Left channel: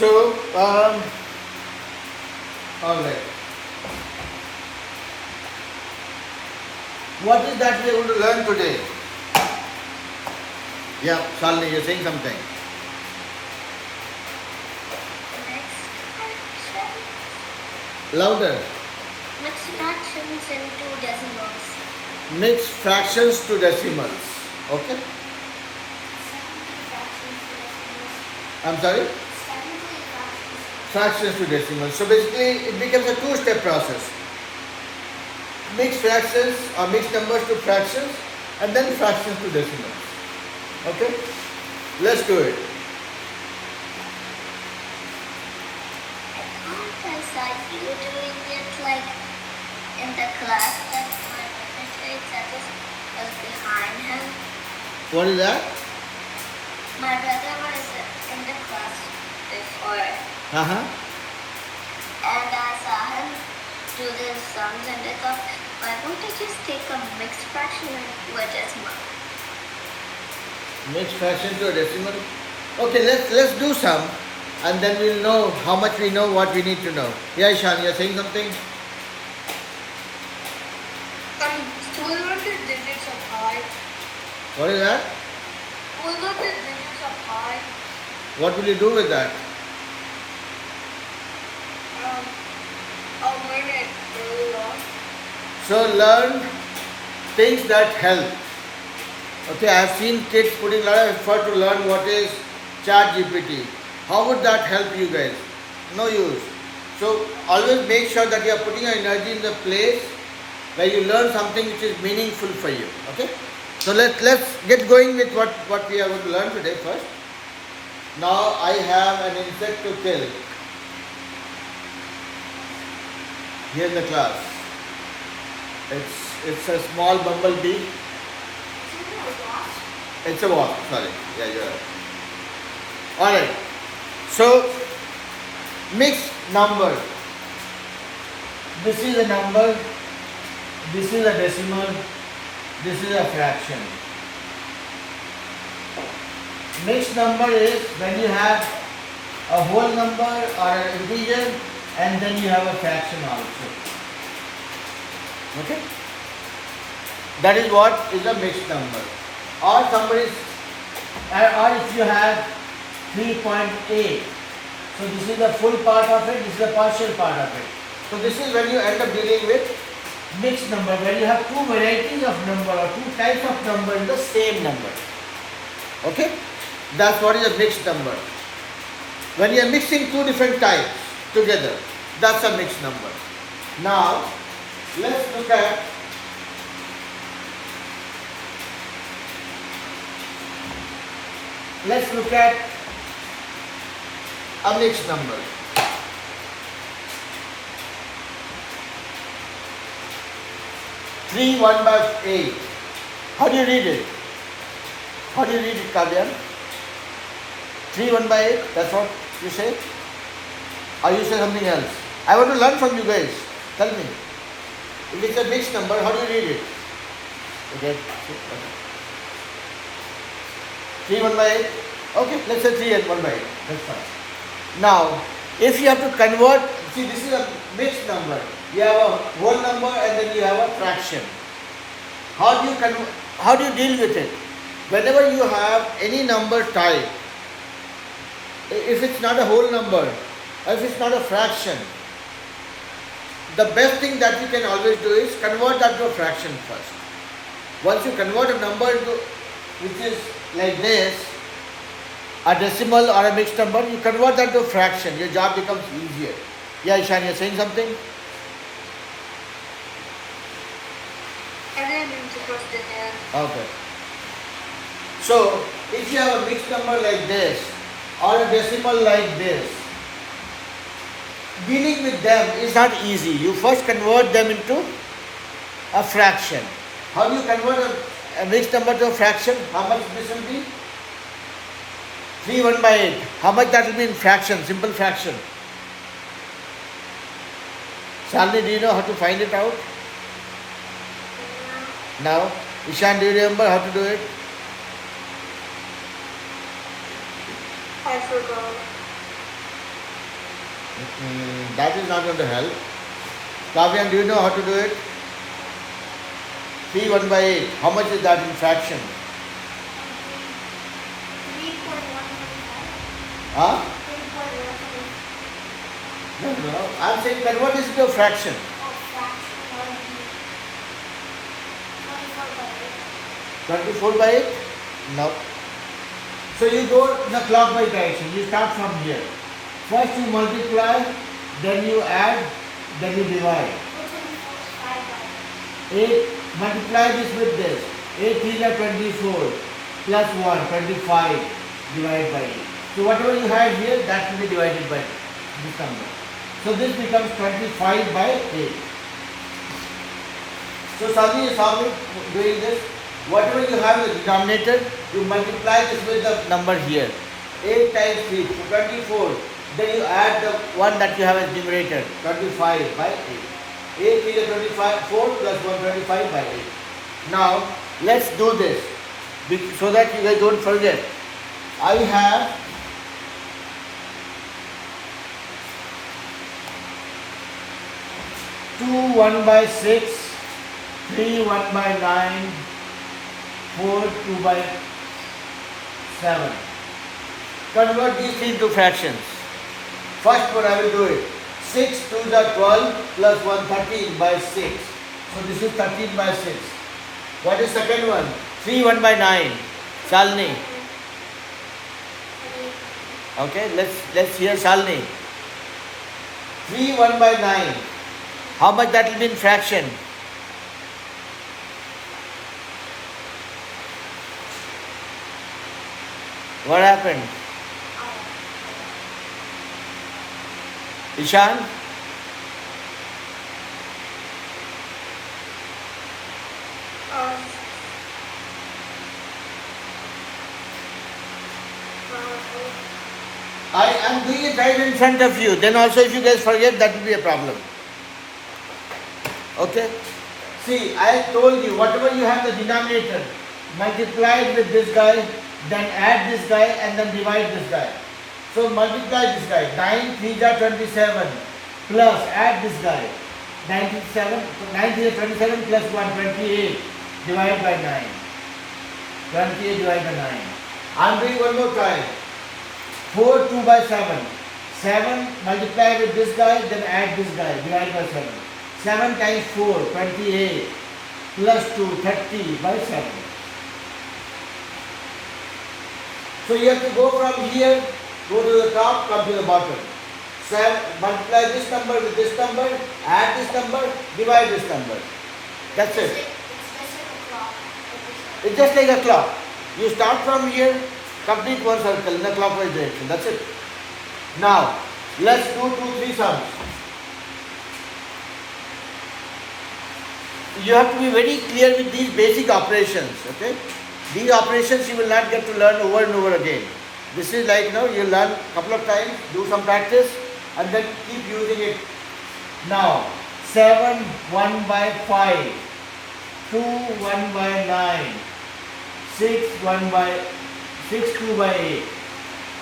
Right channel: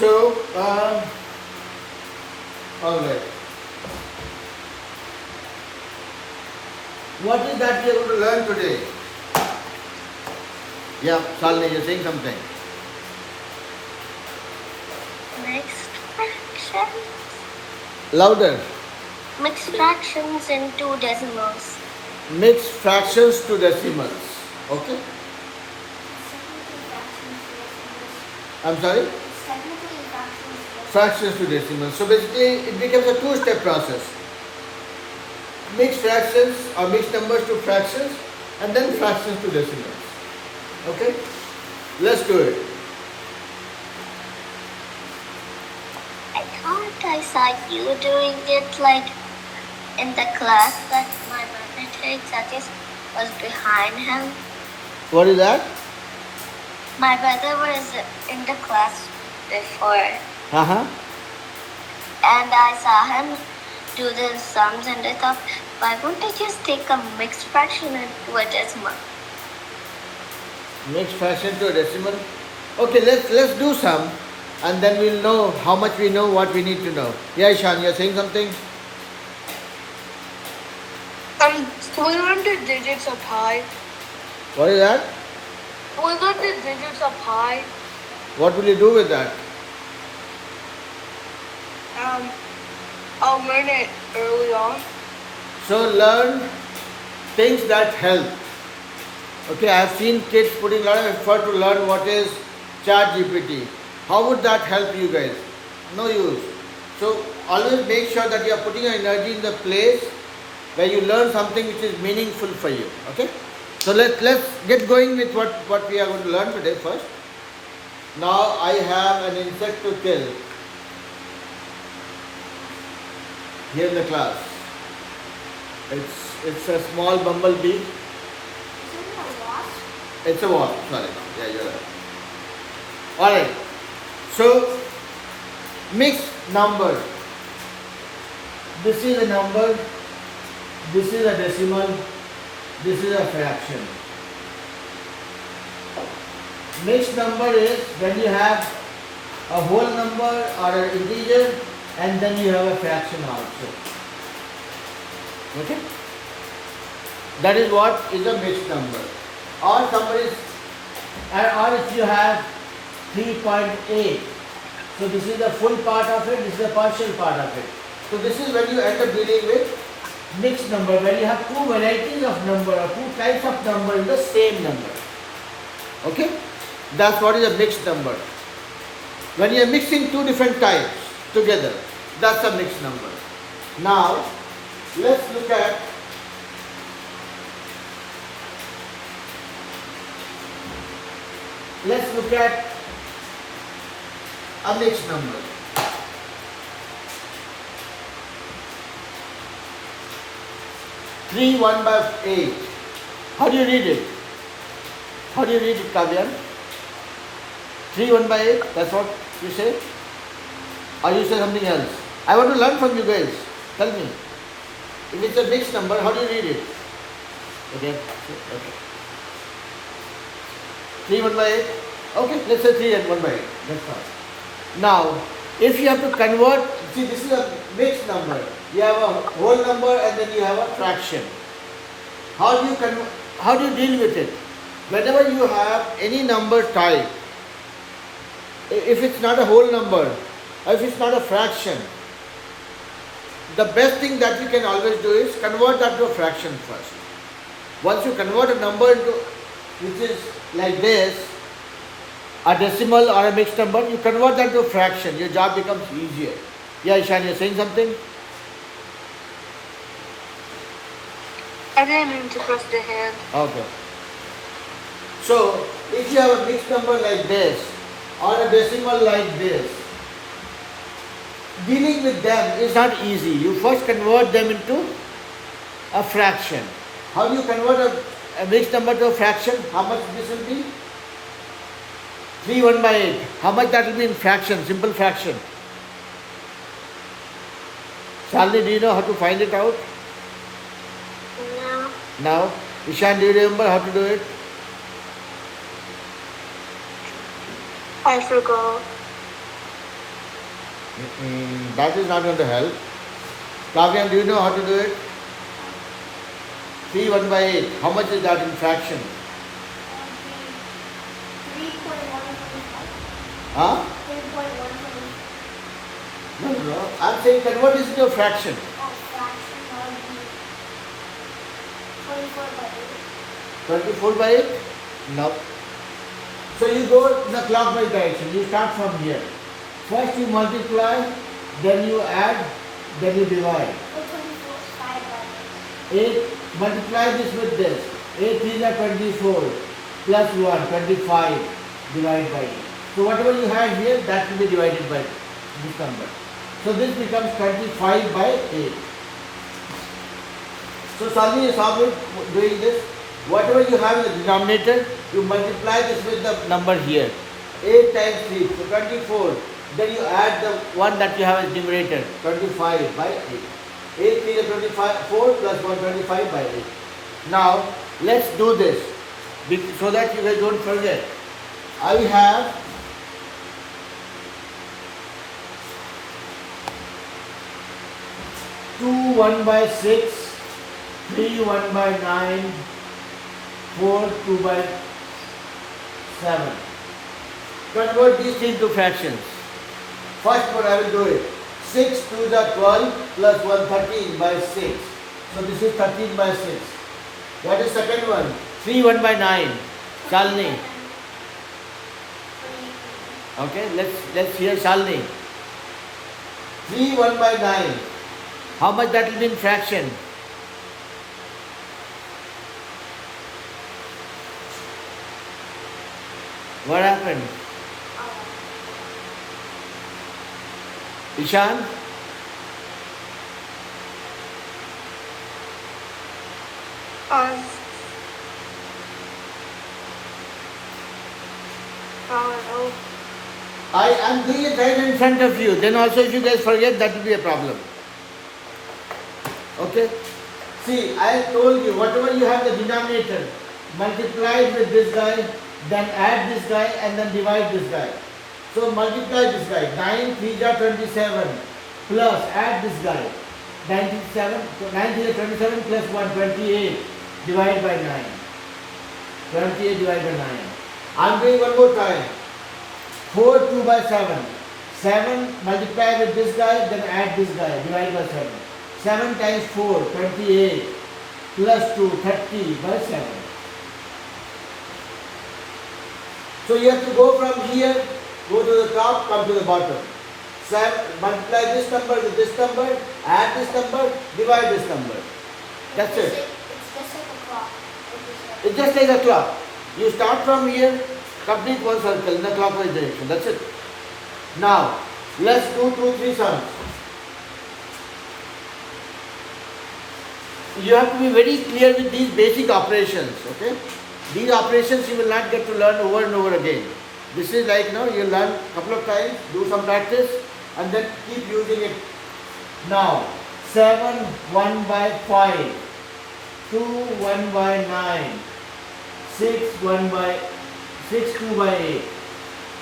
So, okay. What is that we are going to learn today? Yeah, Shalini, you're saying something. Mixed fractions. Louder. Mixed fractions into decimals. Mix fractions to decimals. Okay? I'm sorry? Fractions to decimals. So basically, it becomes a two-step process. Mix fractions or mix numbers to fractions and then fractions to decimals. Okay? Let's do it. I thought I saw you doing it like in the class that my brother Satish was behind him. What is that? My brother was in the class before Uh-huh. and I saw him do the sums and I thought, why don't I just take a mixed fraction into a decimal? Mix fraction to a decimal. Okay, let's do some and then we'll know how much we know, what we need to know. Yeah, Ishan, you're saying something? We learned the digits of pi. What is that? We learned the digits of pi. What will you do with that? I'll learn it early on. So learn things that help. Okay, I have seen kids putting a lot of effort to learn what is ChatGPT. How would that help you guys? No use. So always make sure that you are putting your energy in the place where you learn something which is meaningful for you. Okay? So let's get going with what we are going to learn today first. Now I have an insect to kill here in the class. It's a small bumblebee. It's a wasp, sorry. Yeah, you're right. Alright. So mixed number. This is a number, this is a decimal, this is a fraction. Mixed number is when you have a whole number or an integer and then you have a fraction also. Okay? That is what is a mixed number. Or somebody, or if you have 3.8, so this is the full part of it, this is the partial part of it. So this is when you end up dealing with mixed number, when you have two varieties of number or two types of number in the same number. Okay? That's what is a mixed number. When you are mixing two different types together, that's a mixed number. Now, let's look at a mixed number. 3 1 by 8. How do you read it? How do you read it, Kavyan? 3 1 by 8, that's what you say? Or you say something else? I want to learn from you guys. Tell me. If it's a mixed number, how do you read it? Okay. 3 1 by 8? Okay, let's say 3 and 1 by 8. That's fine. Now, if you have to convert, see this is a mixed number. You have a whole number and then you have a fraction. How do you deal with it? Whenever you have any number type, if it's not a whole number, or if it's not a fraction, the best thing that you can always do is convert that to a fraction first. Once you convert a number into, which is like this, a decimal or a mixed number, you convert that to a fraction, your job becomes easier. Yeah, Ishan, you're saying something? I didn't mean to press the hand. Okay. So, if you have a mixed number like this, or a decimal like this, dealing with them is not easy. You first convert them into a fraction. How do you convert a mixed number to a fraction? How much this will be? 3 1 by 8. How much that will be in fraction, simple fraction? Shalini, do you know how to find it out? No. Now, Ishan, do you remember how to do it? I forgot. That is not going to help. Kavyan, do you know how to do it? 3 1 by 8. How much is that in fraction? 3.125. Huh? 3.125. No. I'm saying convert this into a fraction. Oh, fraction will be 24 by 24 by 8? No. So you go in the clockwise direction. You start from here. First you multiply, then you add, then you divide. 8. 24 5 by 8, multiply this with this. 8 3 are 24, plus 1, 25, divided by 8. So whatever you have here, that will be divided by this number. So this becomes 25 by 8. So Sally is always doing this. Whatever you have in the denominator, you multiply this with the number here. 8 times 3, so 24. Then you add the one that you have as numerator, 25 by 8. 8 3 is 25, 4 plus 1, 25 by 8. Now, let's do this so that you guys don't forget. I have 2 1 by 6, 3 1 by 9, 4 2 by 7. Convert these three into fractions. First one I will do it. 6 2 is 12 plus 1 13 by 6. So this is 13 by 6. What is second one? 3 1 by 9. Shalini. Okay, let's hear Shalini. 3 1 by 9. How much that will be in fraction? What happened? Ishan? I am doing it right in front of you. Then also if you guys forget, that will be a problem. Okay? See, I told you, whatever you have the denominator, multiply it with this guy, then add this guy, and then divide this guy. So multiply this guy. 9 3 are 27, plus add this guy. 97, so 9 3 are 27 plus 1, 28, divide by 9. 28 divided by 9. I am doing one more time. 4 2 by 7. 7 multiply with this guy, then add this guy, divide by 7. 7 times 4, 28, plus 2, 30 by 7. So you have to go from here, go to the top, come to the bottom. 7, multiply this number with this number, add this number, divide this number. That's it. It's just like a clock. It's just like a clock. You start from here, complete one circle in the clockwise direction. That's it. Now, let's do 2 3 sums. You have to be very clear with these basic operations, okay? These operations you will not get to learn over and over again. This is like, you learn a couple of times, do some practice, and then keep using it. Now, 7 1 by 5, 2 1 by 9, 6 2 by 8.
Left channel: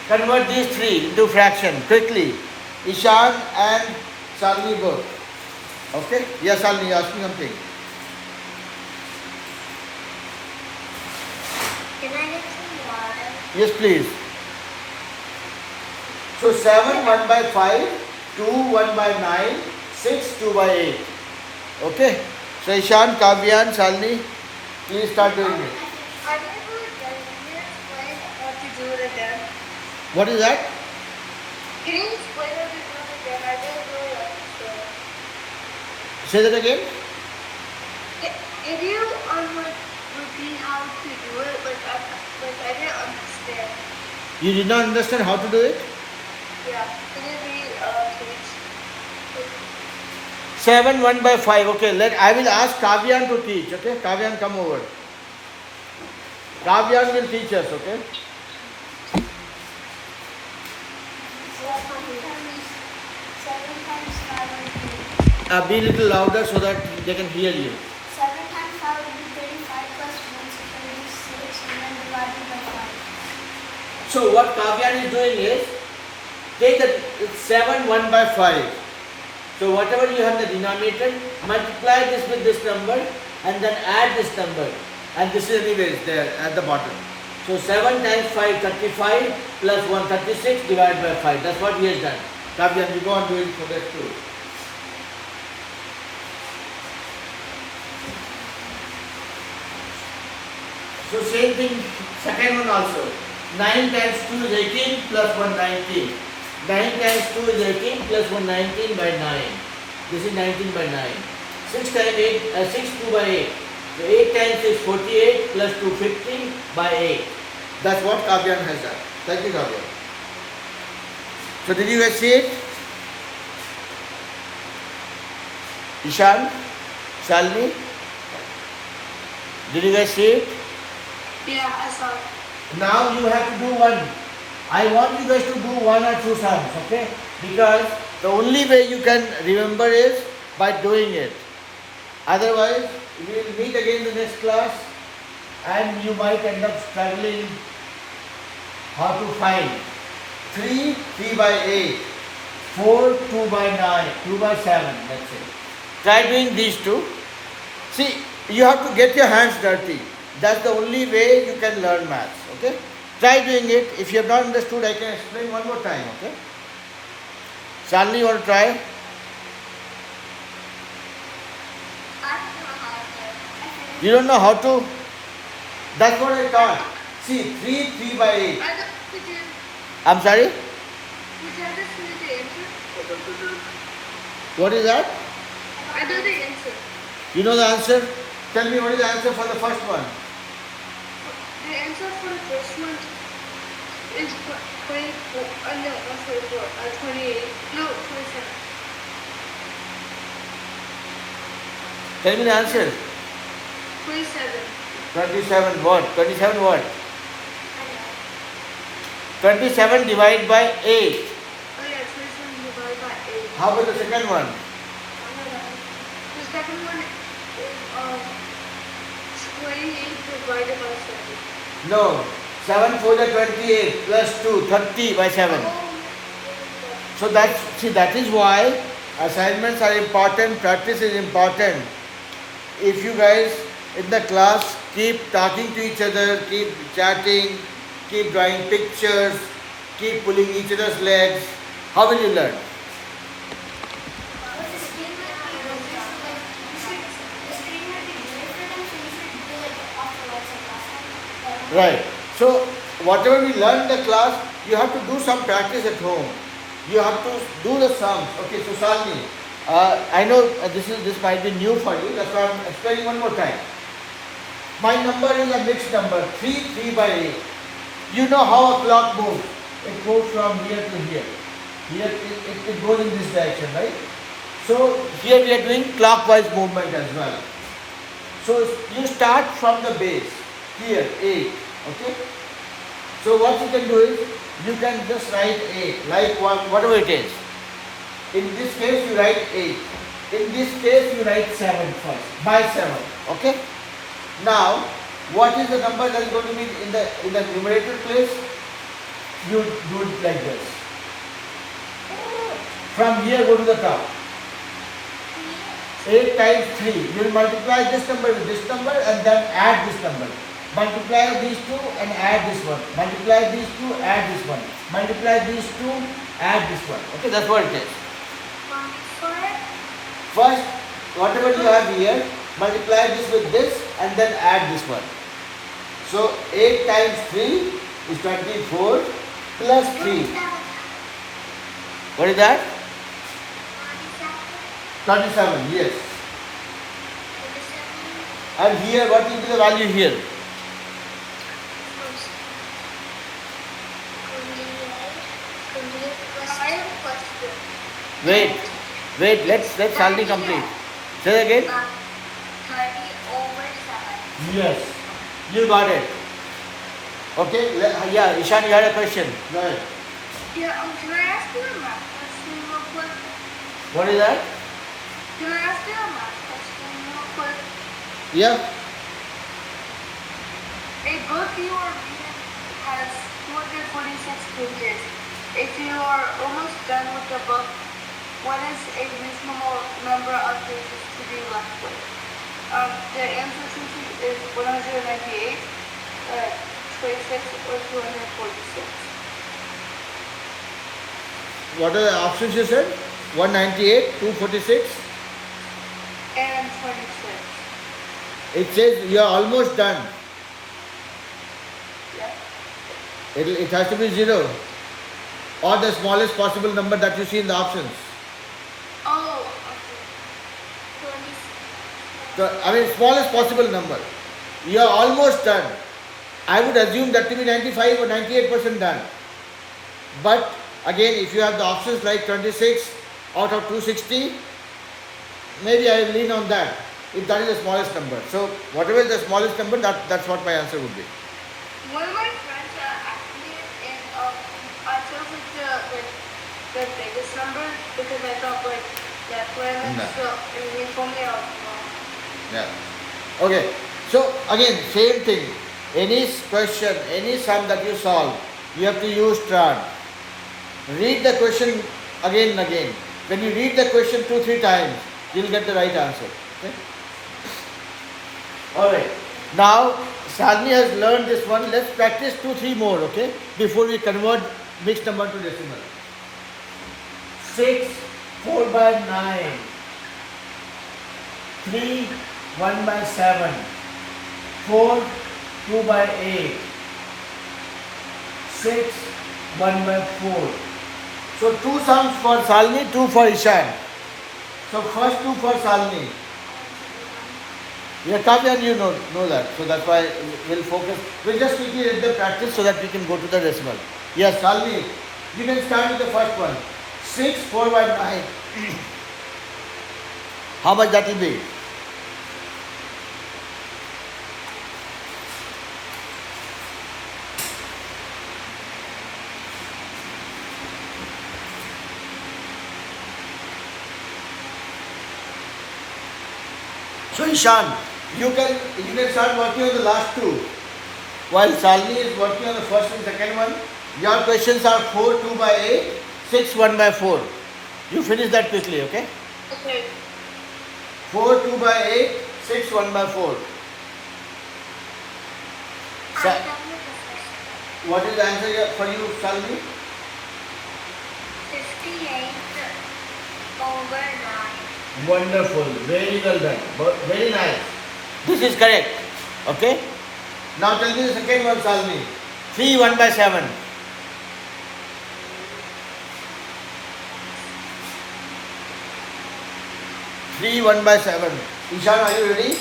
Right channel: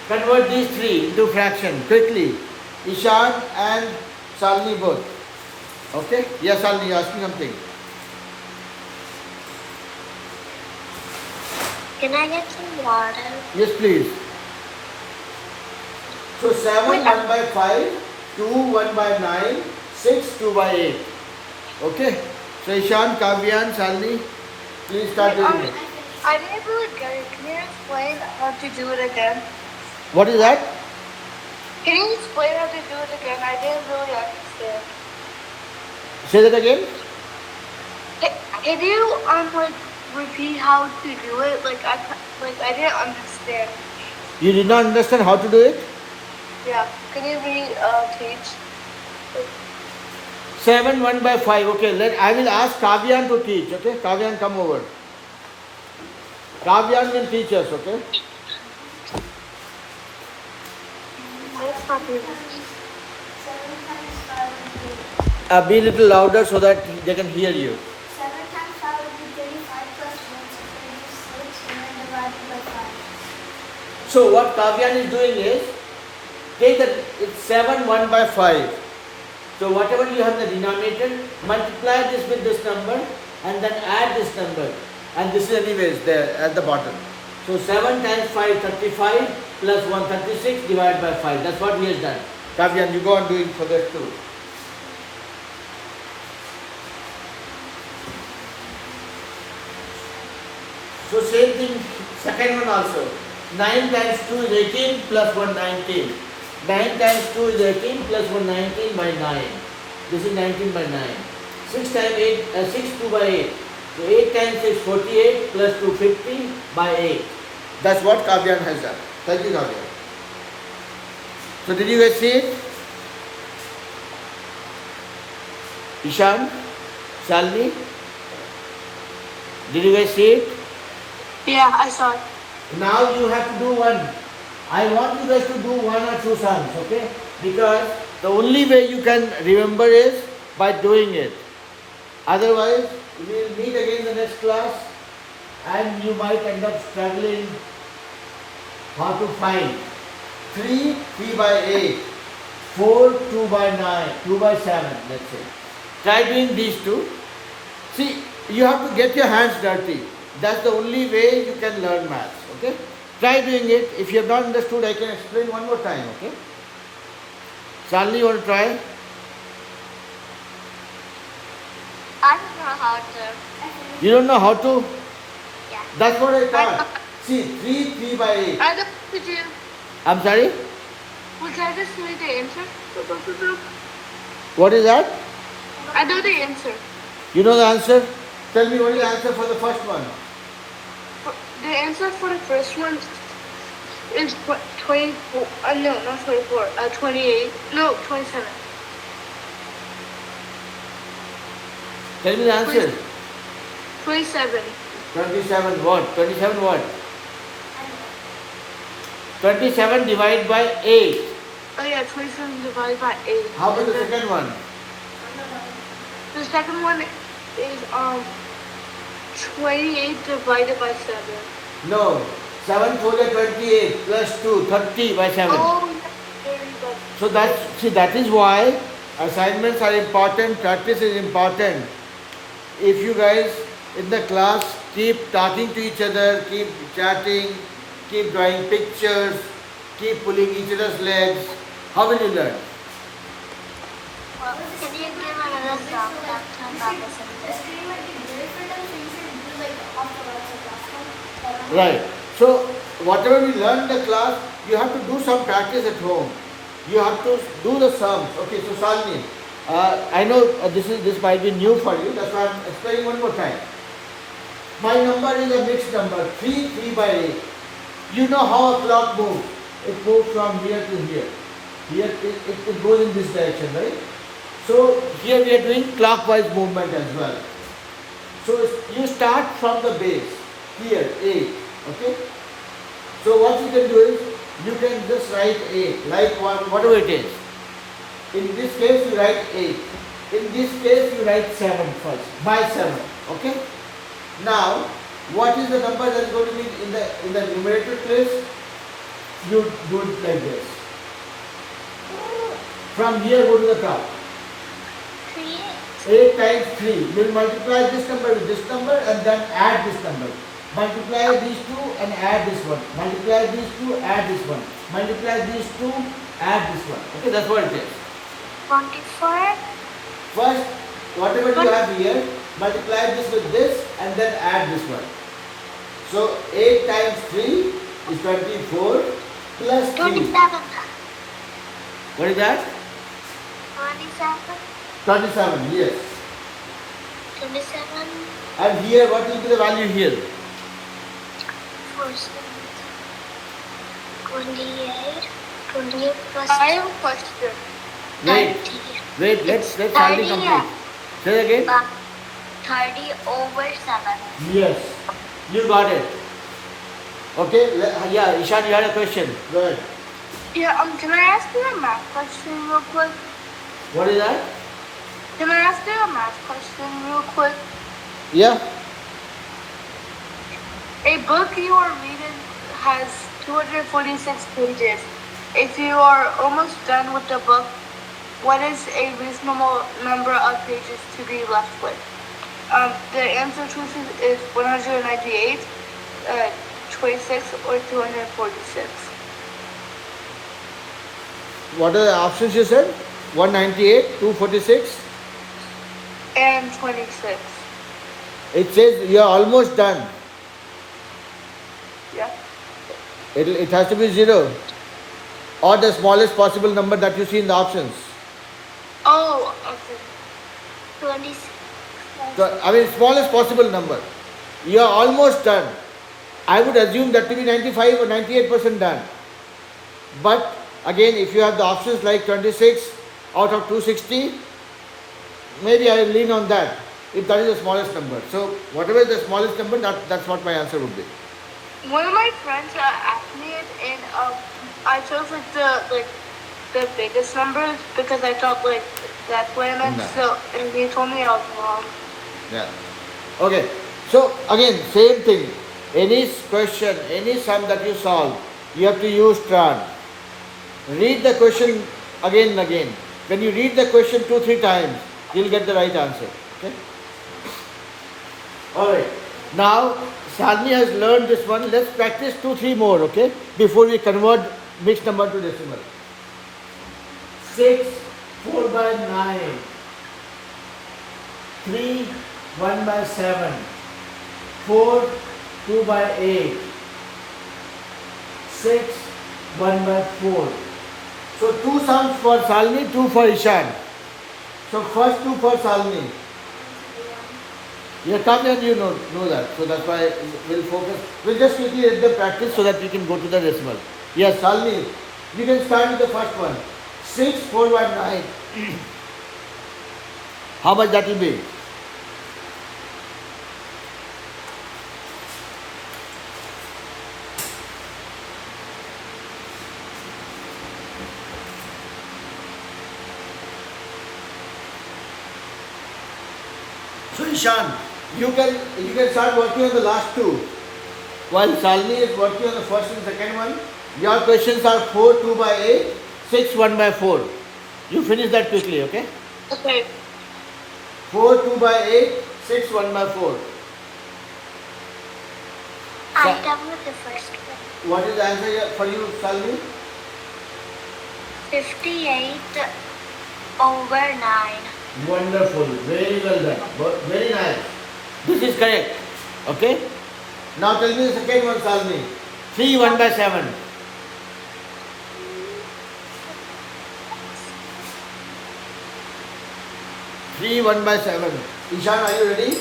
Convert these three into fraction quickly. Ishan and Shalini both. Okay? Yes, Shalini, you ask me something. Can I get some water? Yes, please. So 7 1 by 5, 2 1 by 9, 6 2 by 8. Okay? So Ishan, Kavyan, Shalini, please start doing it. I never again. Can you explain how to do it again? What is that? Can you explain how to do it again? I didn't really understand. Say that again. Can you repeat how to do it? I didn't understand. You did not understand how to do it? Yeah. Can you teach? 7 1 by 5. Okay, I will ask Kavyan to teach. Okay, Kavyan, come over. Kavyan will teach us. Okay. 7 times 5 would be Be a little louder so that they can hear you. 7 times 5 would be 35 plus 1 so 26 and then divided by 5. So what Kavyan is doing is, take that, it's 7 1 by 5. So whatever you have in the denominator, multiply this with this number and then add this number. And this is anyways there at the bottom. So 7 times 5, 35 plus 1, 36 divided by 5. That's what he has done. Kavyan, you go and do it for that too. So same thing, second one also. 9 times 2 is 18 plus 1, 19. 9 times 2 is 18 plus 1, 19 by 9. This is 19 by 9. 6 times 8, 6 2 by 8. So 8 times is 48 plus 2, 50 by 8. That's what Kavyan has done. Thank you, Kavyan. So did you guys see it? Ishan? Shalini? Did you guys see it? Yeah, I saw it. Now you have to do one. I want you guys to do one or two sums, okay? Because the only way you can remember is by doing it. Otherwise, we will meet again in the next class and you might end up struggling how to find 3, 3 by 8, 4, 2 by 9, 2 by 7, let's say. Try doing these two. See, you have to get your hands dirty. That's the only way you can learn maths, okay? Try doing it. If you have not understood, I can explain one more time, okay? Shalini, you want to try? I don't know how to. You don't know how to? That's what I thought. See, 3, 3 by 8. I don't know you. I'm sorry? Would I just need the answer? What is that? I know the answer. You know the answer? Tell me what is the answer for the first one. The answer for the first one is 24. No, not 24. 28. No, 27. Tell me the answer. 27. 27 what? 27 what? 27 divided by 8. Oh yeah, 27 divided by 8. How about the second one? The second one is 28 divided by 7. No. 7 4 are 28 plus 2, 30 by 7. Oh, So that is why assignments are important, practice is important. If you guys in the class keep talking to each other, keep chatting, keep drawing pictures, keep pulling each other's legs, how will you learn? Right. So whatever we learn in the class, you have to do some practice at home. You have to do the sums. Okay, so Shalini, I know this might be new for you. That's why I'm explaining one more time. My number is a mixed number, 3, 3 by 8. You know how a clock moves. It moves from here to here. Here it goes in this direction, right? So here we are doing clockwise movement as well. So you start from the base, here, 8. Okay? So what you can do is, you can just write 8, like whatever it is. In this case you write 8. In this case you write 7 first, by 7. Okay? Now, what is the number that is going to be in the numerator place? You do it like this. From here go to the top. 8 times 3. You will multiply this number with this number and then add this number. Multiply these two and add this one. Multiply these two, add this one. Multiply these two, add this one. Okay, that's what it is. 24. First, whatever you have here, multiply this with this and then add this one. So 8 times 3 is 24 plus 3. 27. What is that? 27. 27, yes. 27. And here, what will be the value here? 28. 28 plus I have a question. Wait, let's Shalini complete. Say again. 30 over 7. Yes, you got it. Okay, yeah, Ishan, you had a question. Go ahead. Yeah, can I ask you a math question real quick? What is that? Can I ask you a math question real quick? Yeah. A book you are reading has 246 pages. if you are almost done with the book, what is a reasonable number of pages to be left with? The answer choices is 198, 26, or 246. What are the options you said? 198, 246. And 26. It says you are almost done. Yeah. It has to be 0 or the smallest possible number that you see in the options. Oh, okay. 26. So, I mean, smallest possible number. You are almost done. I would assume that to be 95 or 98% done. But again, if you have the options like 26 out of 260, maybe I will lean on that if that is the smallest number. So, whatever is the smallest number, that's what my answer would be. One of my friends asked me if I chose the biggest number because I thought that planet. No. So and he told me I was wrong. Yeah. Okay. So again, same thing. Any question, any sum that you solve, you have to use tran. Read the question again and again. When you read the question 2-3 times, you'll get the right answer. Okay. All right. Now Shalini has learned this one. Let's practice 2-3 more. Okay. Before we convert mixed number to decimal. 6 4 by 9. 3 1 by 7. 4 2 by 8. 6 1 by 4. So 2 sums for Shalini, 2 for Ishan. So first 2 for Shalini. Yeah, come and you know that. So that's why we'll focus. We'll just quickly read the practice so that we can go to the decimal. Yes, Shalini, you can start with the first one. 6 4 by 9. How much that will be? So Ishan, you can start working on the last 2. While Shalini is working on the first and second one, your questions are 4 2 by 8, 6 1 by 4. You finish that quickly, okay? Okay. 4 2 by 8, 6 1 by 4. I'm done with the first one. What is the answer for you, Shalini? 58 over 9. Wonderful, very well done, very nice. This is correct, okay? Now tell me the second one, Shalini. 3 1 by 7. 3 1 by 7. Ishan, are you ready?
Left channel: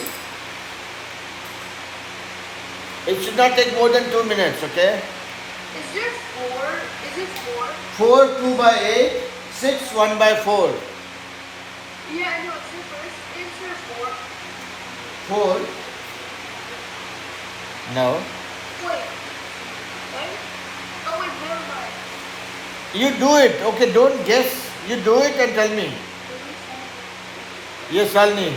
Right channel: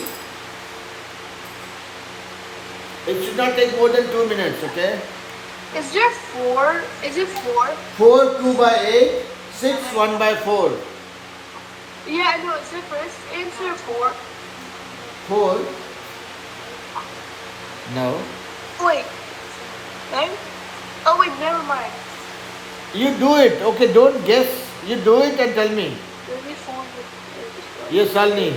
It should not take more than 2 minutes, okay? Is there 4? Is it 4? 4 2 by 8, 6 1 by 4. Yeah, I know. It's the first answer 4. 4. No. Wait. Right? Oh wait, never mind. You do it, okay? Don't guess. You do it and tell me. Maybe 4. Yes, Shalini.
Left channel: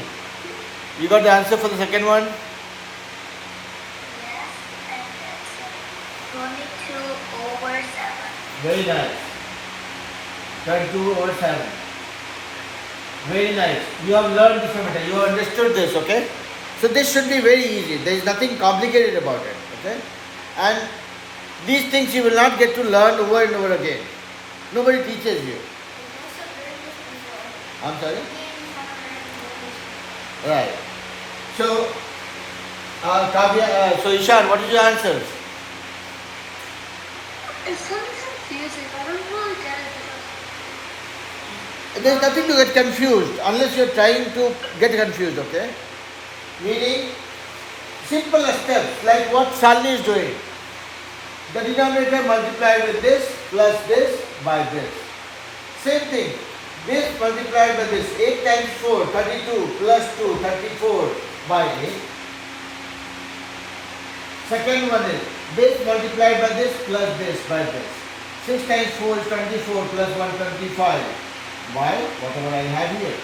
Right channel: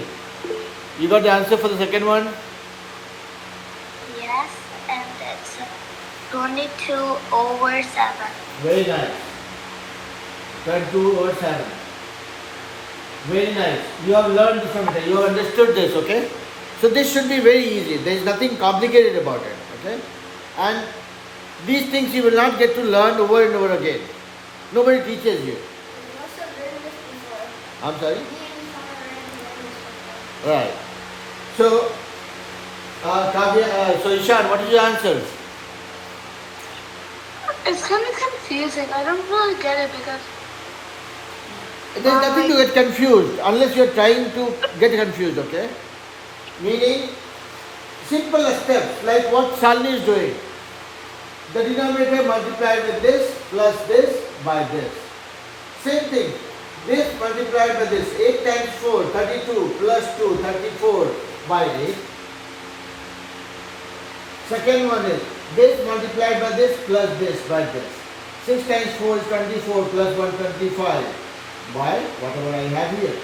You got the answer for the second one? Yes, and it's 22 over 7. Very nice. 22 over 7. Very nice. You have learned this one. You have understood this, okay? So this should be very easy. There is nothing complicated about it, okay? And these things you will not get to learn over and over again. Nobody teaches you. I'm sorry? Right. So, Kavya, so Ishan, what is your answer? It's kind of confusing. I don't really get it because There's nothing to get confused unless you're trying to get confused, okay? Meaning, simple steps like what Shalini is doing. The denominator multiplied with this plus this by this. Same thing. This multiplied by this. 8 times 4, 32 plus 2, 34 by 8. Second one is this multiplied by this plus this by this. 6 times 4 is 24 plus 1, 25 by whatever I have here.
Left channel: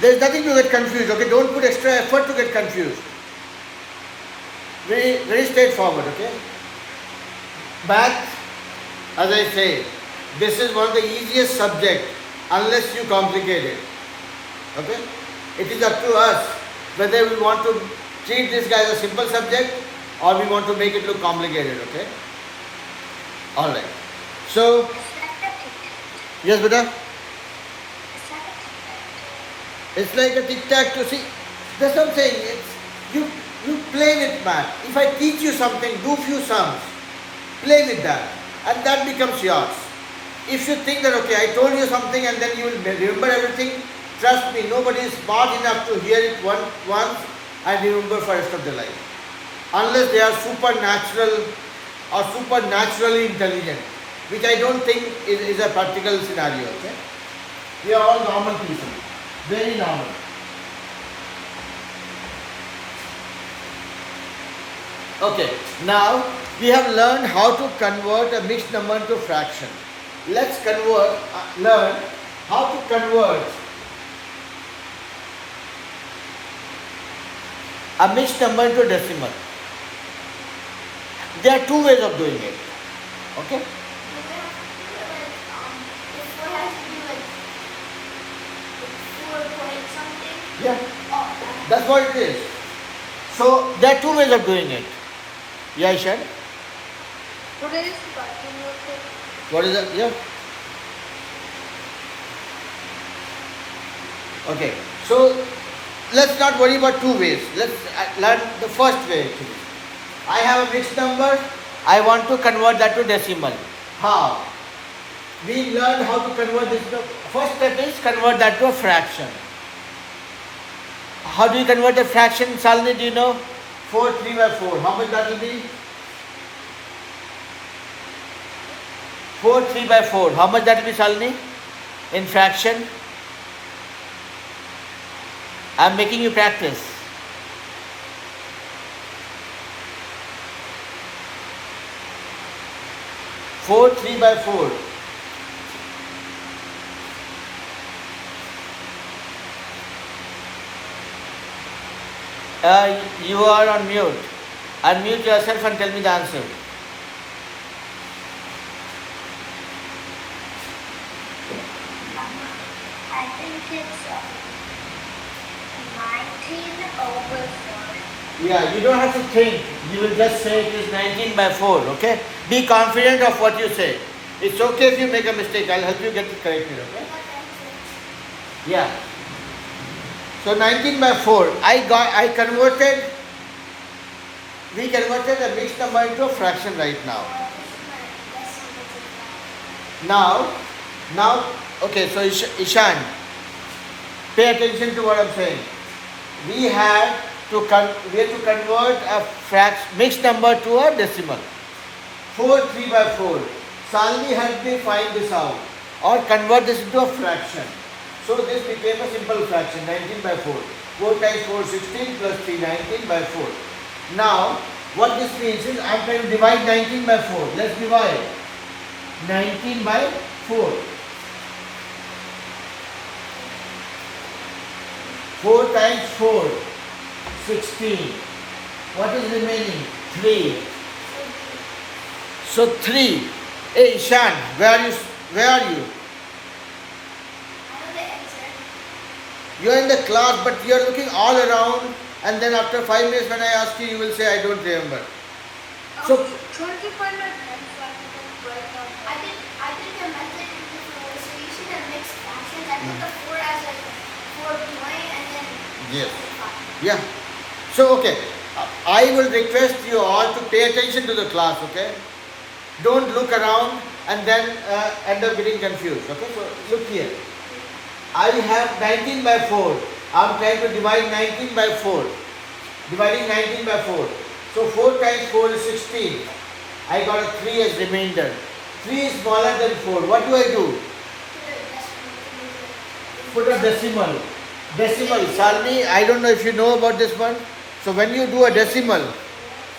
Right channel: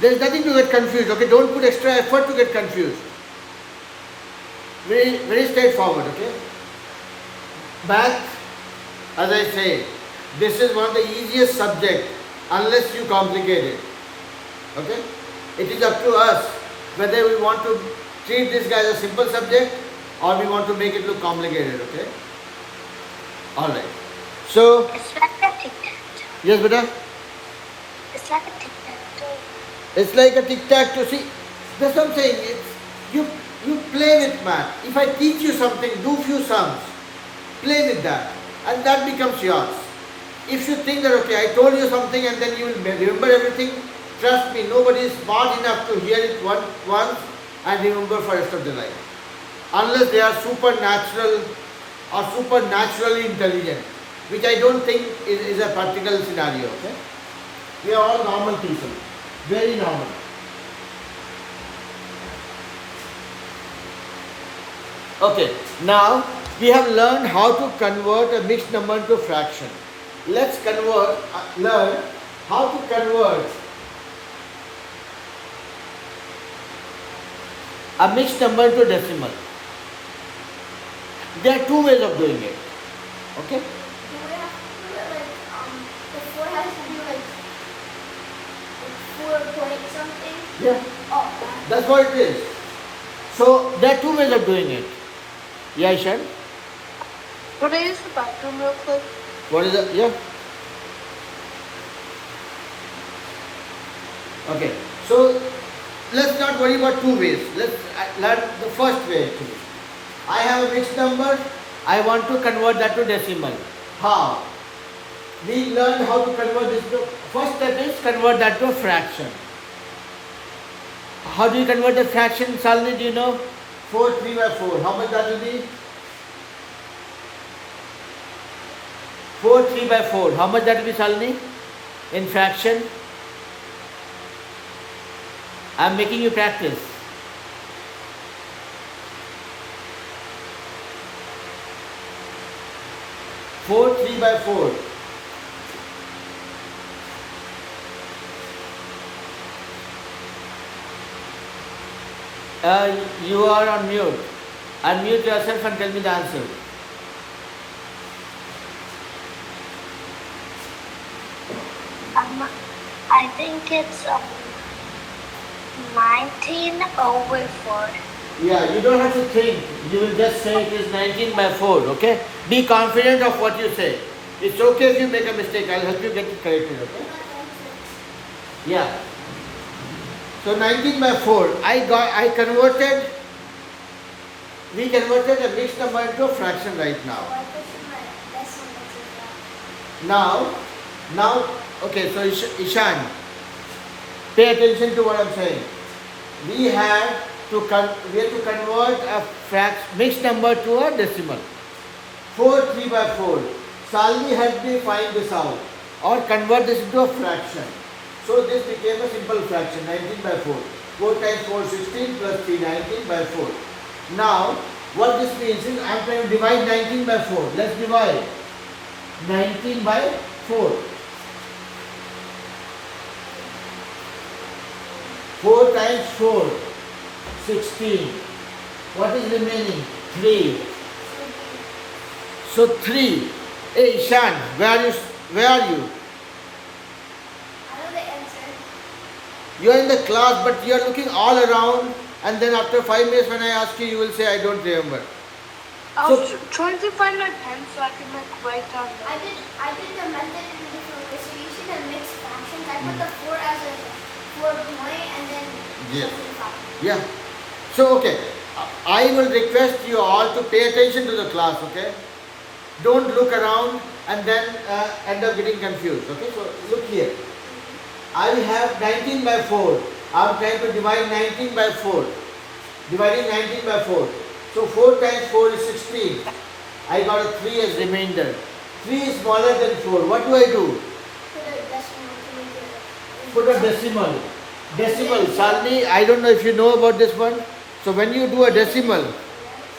There is nothing to get confused, okay? Don't put extra effort to get confused. Very straightforward, okay? Math As I say, this is one of the easiest subject unless you complicate it. Okay? It is up to us whether we want to treat this guy as a simple subject or we want to make it look complicated. Okay? Alright. So, It's like a tic-tac. yes, beta? It's like a tic-tac. It's like a tic-tac-toe. See, that's what I'm saying. You play with math. If I teach you something, do few sums. Play with that. And that becomes yours. If you think that, okay, I told you something and then you will remember everything, trust me, nobody is smart enough to hear it once and remember for the rest of their life. Unless they are supernatural or supernaturally intelligent, which I don't think is a practical scenario. Okay? We are all normal people. Very normal. Okay, now we have learned how to convert a mixed number into a fraction. Let's learn how to convert a mixed number into a decimal. There are two ways of doing it. Okay? Do we have to do it like, the 4 has to be like 4 point something? Yeah, Oh, that's what it is. So there are two ways of doing it. Yeah, Ishan? Would I use the bathroom real quick? What is that? Yeah. Okay. So let's not worry about two ways. Let's learn the first way actually. I have a mixed number. I want to convert that to decimal. How? We learned how to convert this. First step is convert that to a fraction. How do you convert a fraction, Salini? Do you know? 4 3 by 4. How much that will be? 4 3 by 4. How much that will be, Salini? In fraction? I am making you practice. Four 3 by 4. You are on mute. Unmute yourself and tell me the answer. I think it's 19 over 4. Yeah, you don't have to think. You will just say it is 19 by 4, okay? Be confident of what you say. It's okay if you make a mistake. I'll help you get it corrected, okay? Yeah. So 19 by 4. We converted a mixed number into a fraction right now. Now, okay, so Ishan, pay attention to what I'm saying. We have to convert a mixed number to a decimal. 4 3 by 4. Salini helped me find this out or convert this into a fraction. So this became a simple fraction, 19 by 4. 4 times 4, 16 plus 3, 19 by 4. Now, what this means is I am trying to divide 19 by 4. Let's divide 19 by 4. 4 times 4, 16. What is remaining? 3. So 3. Hey Ishan, where are you? I know the answer. You are in the class, but you are looking all around, and then after 5 minutes when I ask you, you will say, I don't remember. I So- was trying to find my pen so I can write down. I did the method in different ways. So using the mixed fractions, I put the 4 as like a 4 point and then Yes. 5. Yeah. So, okay. I will request you all to pay attention to the class, okay? Don't look around and then end up getting confused, okay? So, look here. I have 19 by 4. I am trying to divide 19 by 4. Dividing 19 by 4. So, 4 times 4 is 16. I got a 3 as remainder. 3 is smaller than 4. What do I do? Put a decimal. Decimal. Salini, I don't know if you know about this one. So when you do a decimal,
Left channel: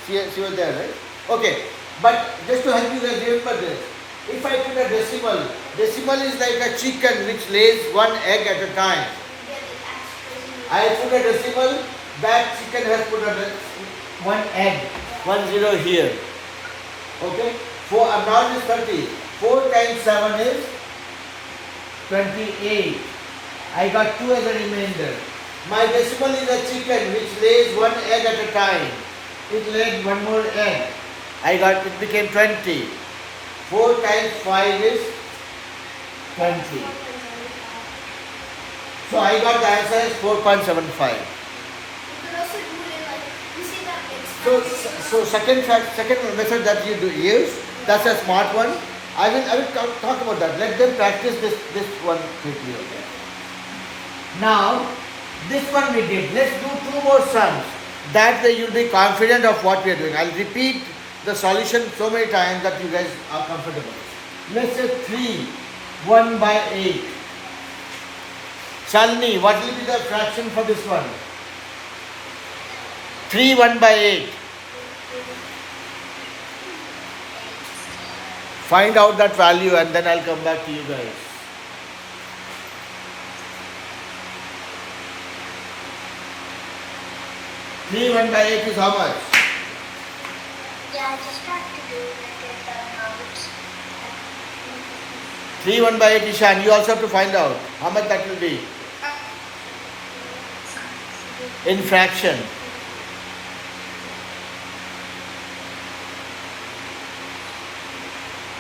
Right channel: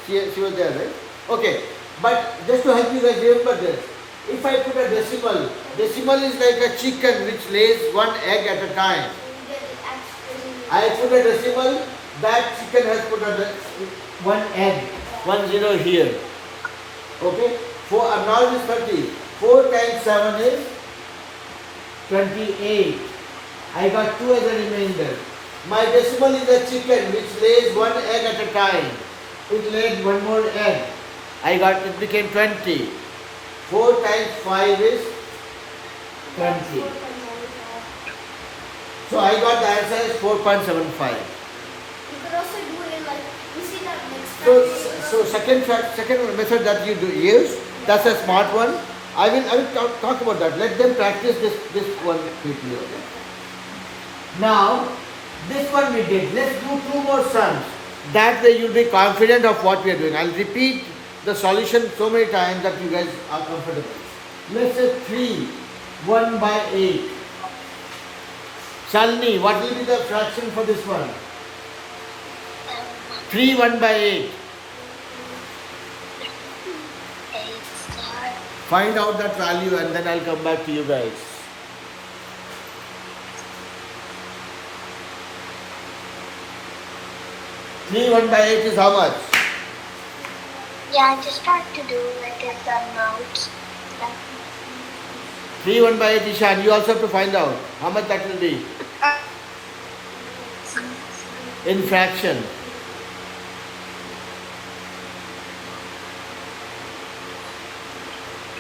she was there, right? Okay. But just to help you guys remember this, if I put a decimal is like a chicken which lays one egg at a time. I put a decimal, that chicken has put one egg, 1 0 here. Okay? Now it is 30. 4 times 7 is 28. I got 2 as a remainder. My decimal is a chicken which lays 1 egg at a time. It laid 1 more egg. It became 20. 4 times 5 is 20. So I got the answer as 4.75. You could also do it like, you see that mixed So second method that you use, that's a smart one. I will talk about that. Let them practice this one quickly. Okay? Now, this one we did. Let's do 2 more sums. That way you'll be confident of what we are doing. I'll repeat the solution so many times that you guys are comfortable. Let's say 3, 1 by 8. Shalini, what will be the fraction for this one? 3, 1 by 8. Find out that value and then I'll come back to you guys. 3, 1 by 8 is how much? Yeah, just start to do it in the notes. 3, 1 by 8, Ishan. You also have to find out how much that will be in fraction.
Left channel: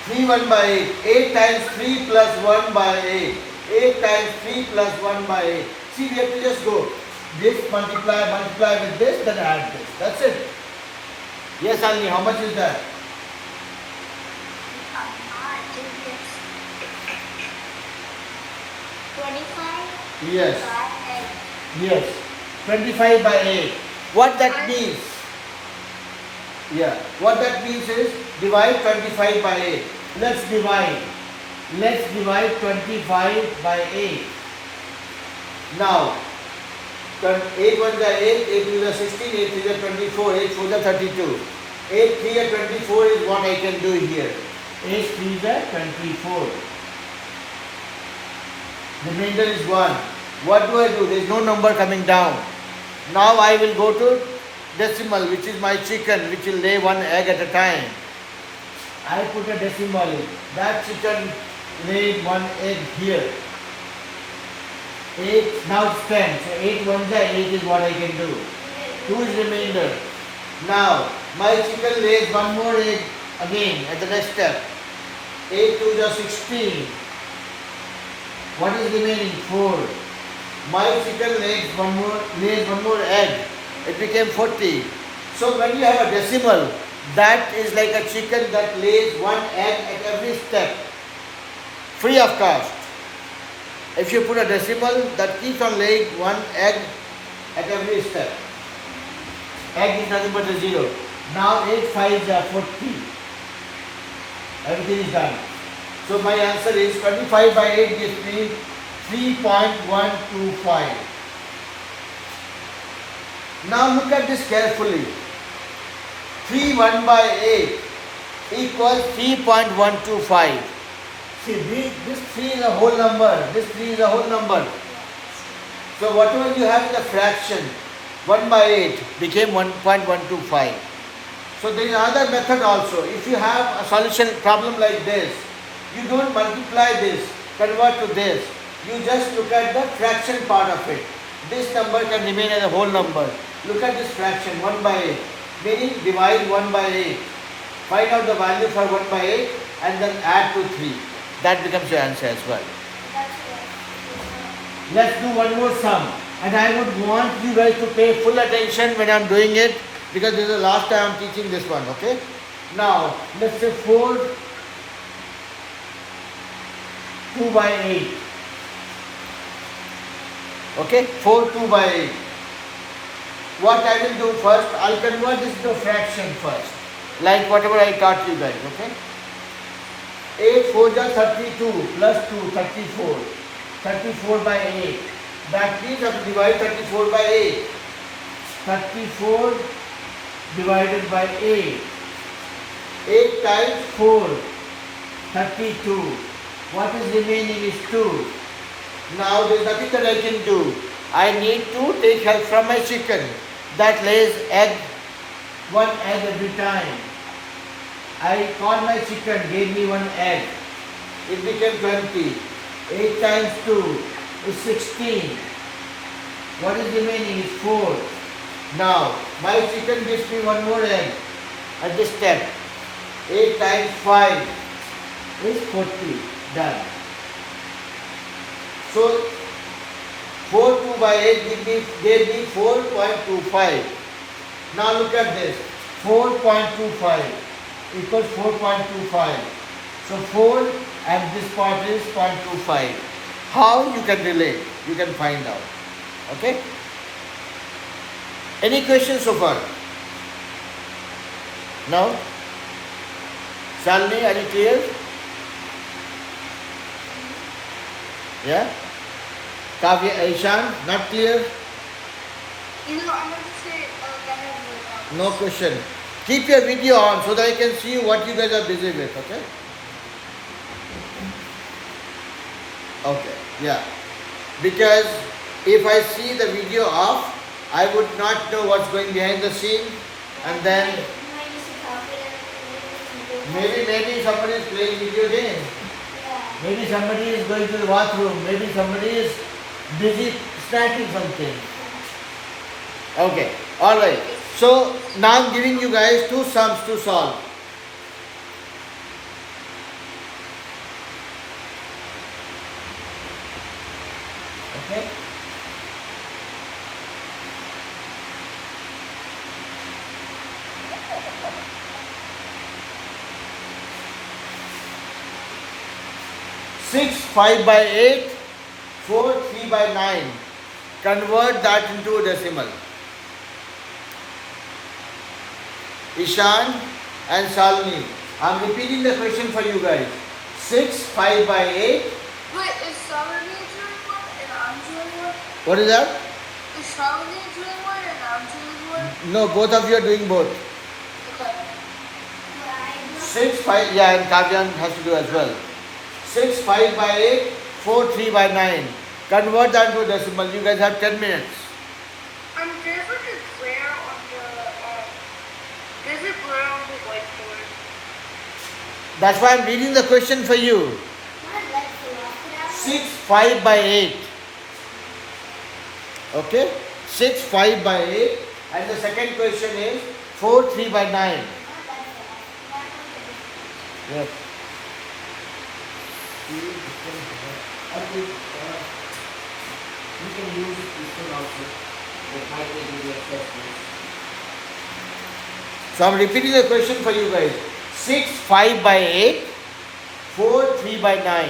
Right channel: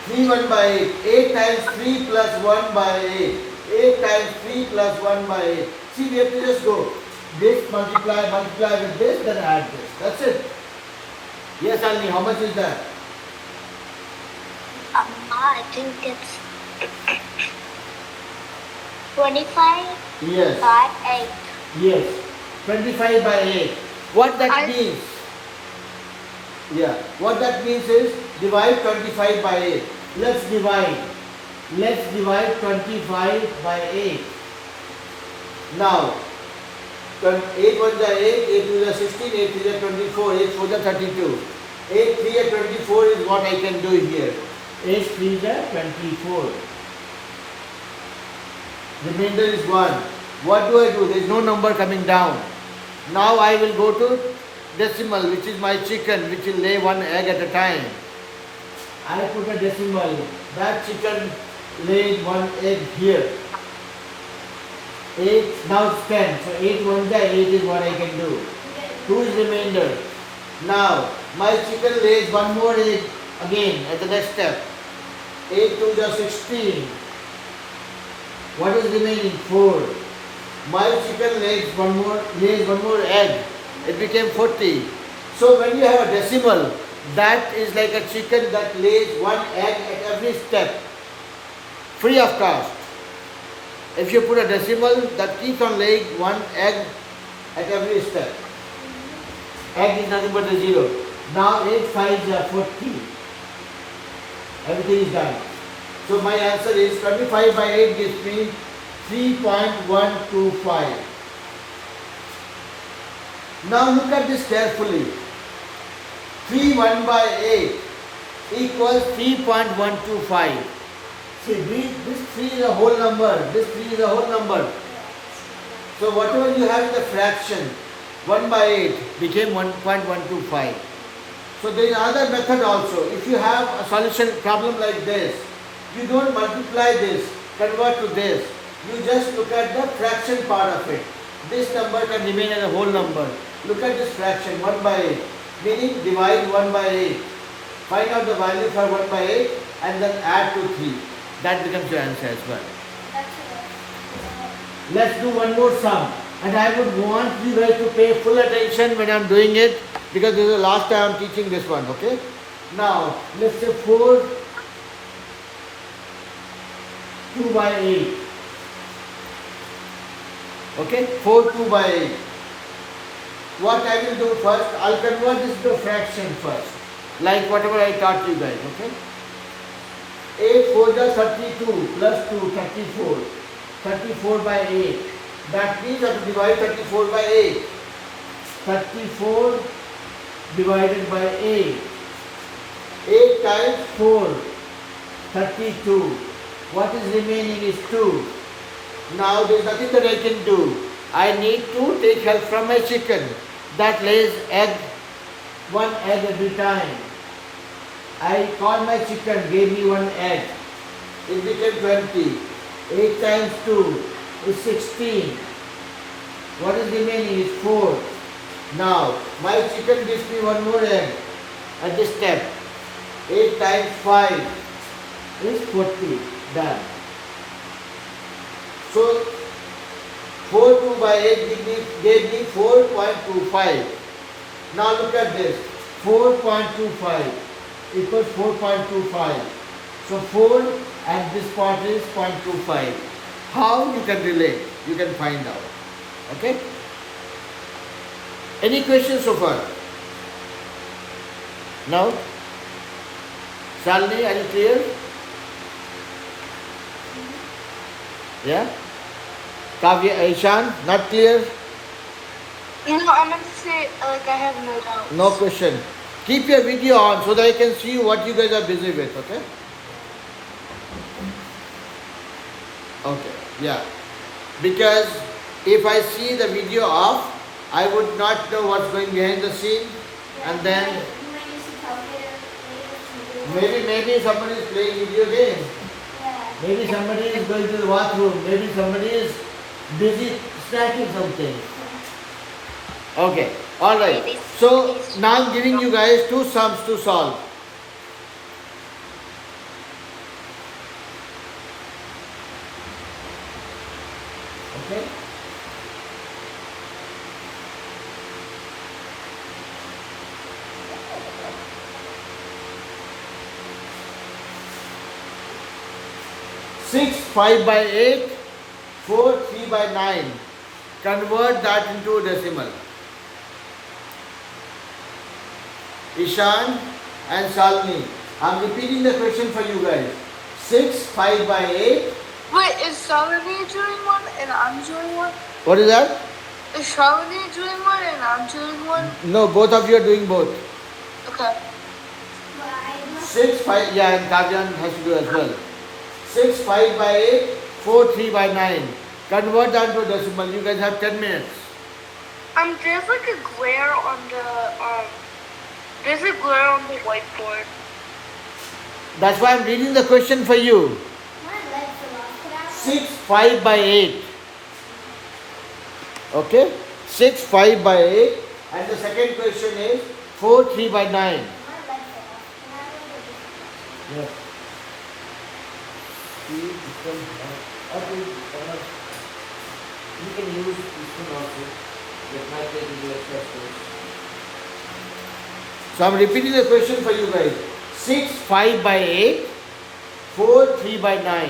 3, 1 by 8. 8 times 3 plus 1 by 8. 8 times 3 plus 1 by 8. See, we have to just go. This multiply with this, then add this. That's it. Yes, Alini, how much is that? I think it's 25 Yes. by 8. Yes. 25 by 8. What that I- means? Yeah. What that means is divide 25 by 8. Let's divide. Let's divide 25 by 8. Now, 8 1 is 8, 8 2 is 16, 8 3 is 24, 8 4 is 32. 8 3 is 24 is what I can do here. 8 3 is 24. Remainder is 1. What do I do? There is no number coming down. Now I will go to decimal, which is my chicken, which will lay 1 egg at a time. I put a decimal. That chicken laid 1 egg here. 8, now it's 10. So 8 1 is 8 is what I can do. 2 is remainder. Now, my chicken lays 1 more egg again at the next step. 8 2 is 16. What is remaining? 4. My chicken lays one more egg. It became 40. So when you have a decimal, that is like a chicken that lays 1 egg at every step, free of cost. If you put a decimal, that keeps on laying 1 egg at every step. Egg is nothing but a 0. Now 8 5s are 40. Everything is done. So my answer is 25 by 8 gives me 3.125. Now look at this carefully. 3 1 by 8 equals 3.125. See, this 3 is a whole number. This 3 is a whole number. So whatever you have in the fraction, 1 by 8 became 1.125. So there is another method also. If you have a solution problem like this, you don't multiply this, convert to this. You just look at the fraction part of it. This number can remain as a whole number. Look at this fraction, 1 by 8. Meaning divide 1 by 8. Find out the value for 1 by 8 and then add to 3. That becomes your answer as well. Let's do one more sum. And I would want you guys to pay full attention when I'm doing it, because this is the last time I'm teaching this one, okay? Now, let's say 4 2 by 8. Okay, 4 2 by 8. What I will do first, I'll convert this to a fraction first, like whatever I taught you guys, okay? 8 4 is 32 plus 2, 34. 34 by 8. That means I have to divide 34 by 8. 34 divided by 8. 8 times 4, 32. What is remaining is 2. Now there is nothing that I can do. I need to take help from my chicken that lays egg, 1 egg every time. I called my chicken, gave me 1 egg. it became 20. 8 times 2 is 16. What is remaining is 4. Now, my chicken gives me one more egg at this step. 8 times 5 is 40. Done. So, 4 2 by 8 gave me 4.25. Now look at this. 4.25 equals 4.25. So 4 and this part is 0.25. How you can relate? You can find out. Okay? Any questions so far? No? Shalini, are you clear? Yeah? Kavya, Ishan, not clear? You know, I'm going to say, I have no doubt. No question. Keep your video on so that I can see what you guys are busy with, okay? Okay, yeah. Because if I see the video off, I would not know what's going behind the scene, and then maybe somebody is playing video games. Maybe somebody is going to the bathroom. Maybe somebody is busy snacking something. Okay, alright. So now I'm giving you guys two sums to solve. Okay? Six 5 by 8, 4 3 by 9. Convert that into a decimal. Ishan and Shalini, I'm repeating the question for you guys. 6 5 by 8. Wait, is Shalini doing one and I'm doing one? What is that? Is Shalini doing one and I'm doing one? No, both of you are doing both. Okay. 6 5, yeah, and Kavyan has to do as well. 6 5 by 8, 4 3 by 9. Convert that into a decimal. You guys have 10 minutes. There's like a glare on the whiteboard. That's why I'm reading the question for you. 6 5 by 8. Okay? 6 5 by 8. And the second question is 4 3 by 9. Yeah. You can use this one also. That might take you to extra space. So I'm repeating the question for you guys. 6 5 by 8, 4 3 by 9.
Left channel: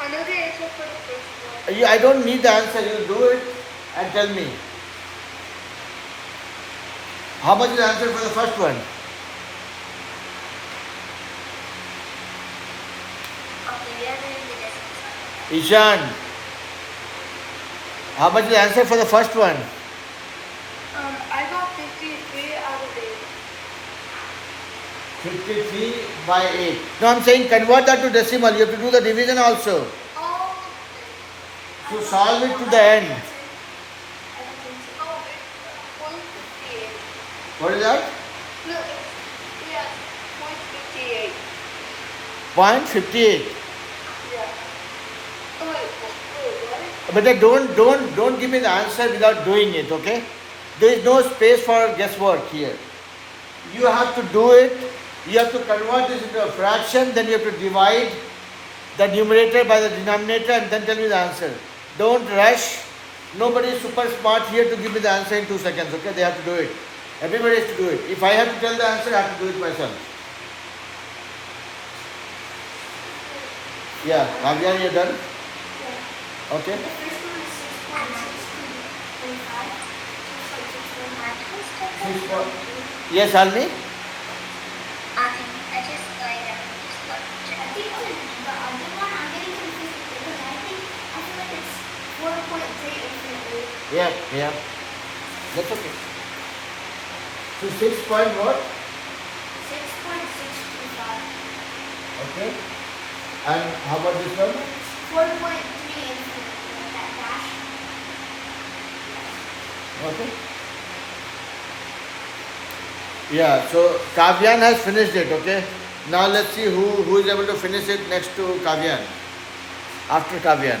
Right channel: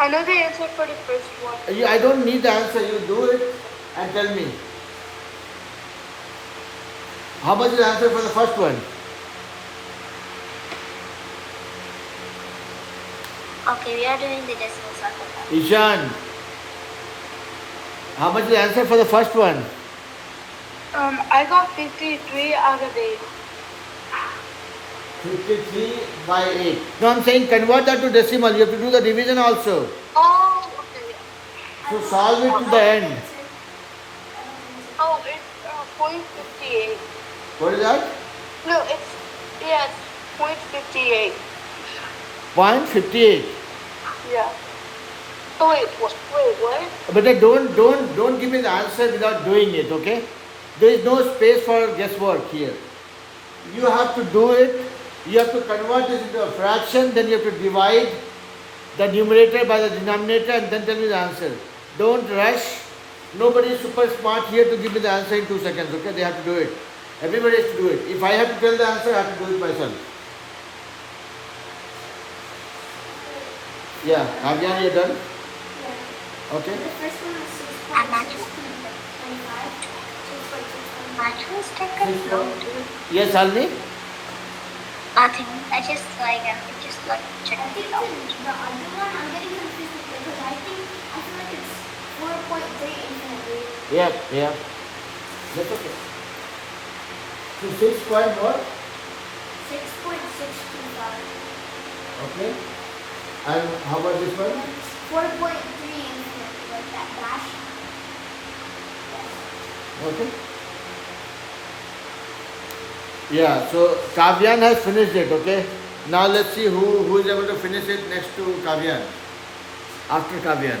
I know the answer for the first one. I don't need the answer. You do it and tell me. How much is the answer for the first one? Okay, we are doing the decimal circle. Ishan. How much is the answer for the first one? I got 53 out of 8. 53 by 8. No, I'm saying convert that to decimal. You have to do the division also. Oh, So solve it to the end. oh, it's .58. What is that? No, it's .58. 0.58. Yeah. Oh wait, what? But then don't give me the answer without doing it, okay? There is no space for guesswork here. You have to do it. You have to convert this into a fraction, then you have to divide the numerator by the denominator and then tell me the answer. Don't rush. Nobody is super smart here to give me the answer in 2 seconds, okay? They have to do it. Everybody has to do it. If I have to tell the answer, I have to do it myself. Yeah, Kavyan, you're done? Okay. The first one was 6.625. Yes, Almi? Nothing. I just like just not check I think it out. the other one I'm getting confused because I feel like it's 4.388. Yeah. That's okay. So 6 point what? 6.625. Okay. And how about this one? 4.3 infinite, like that dash. Okay. Yeah, so Kavyan has finished it, okay? Now let's see who is able to finish it next to Kavyan. After Kavyan.